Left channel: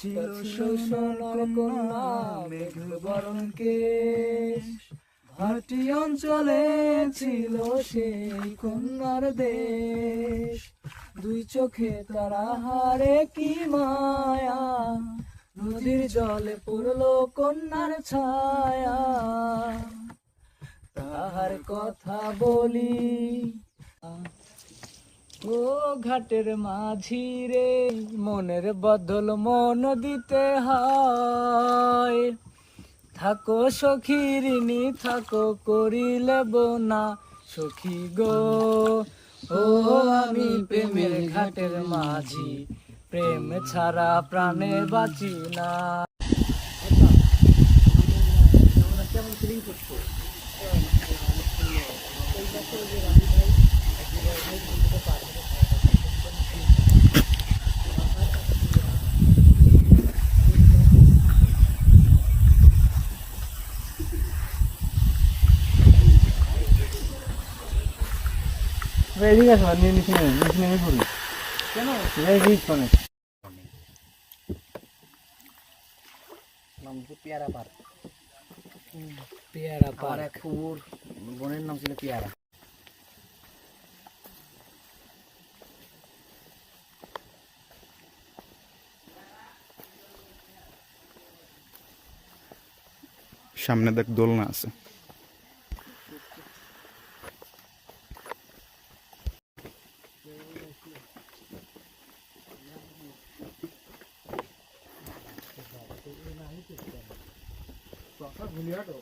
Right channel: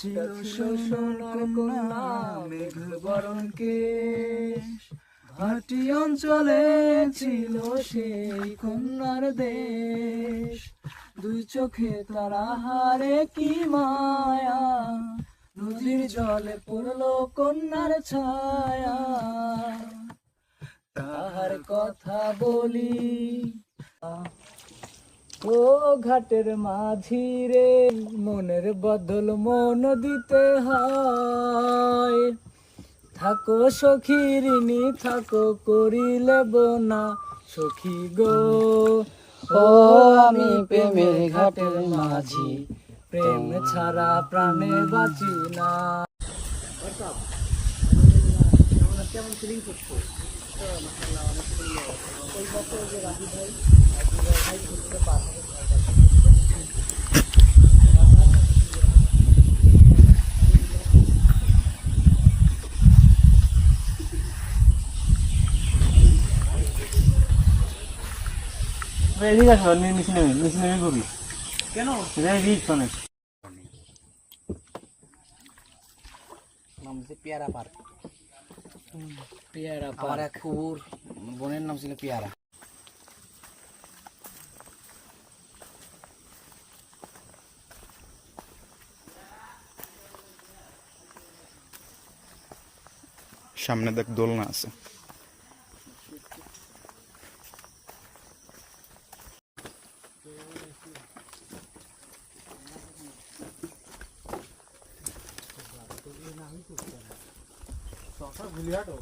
ছিল সোনার কন্যা মেঘ বরণ কেশ, ভাটি অঞ্চলে ছিল সেই কন্যার দেশ। দুই চোখে তারা হারে কি মায়া, নদীর জলে পড়লো কন্যার ছায়া। তাহার কথা বলি ও ঘাটের মাঝি রে, মনের বদল মন দিতে হয়। থাকো সখী ঋণী থাকো করিলে বোনা সখী গো। ও আমি প্রেমের ঘাটের মাঝি, প্রেম ছাড়া প্রাণে বাঁচি না। কেমন ফিলিং করছো? এই বছর যে রাজু ভাই খেলতে পারবে এদিকে আসো, নিচে নেমে করি কেন রিক্স অনেক। নাম হচ্ছে পেয়ারা পার্ক। পেয়ারা আমার পার্ক। এক কুকুর বোনের নাম ছিল পেয়ারা। সামনে দেখ দোলনা আছে। ভুলিয়াটো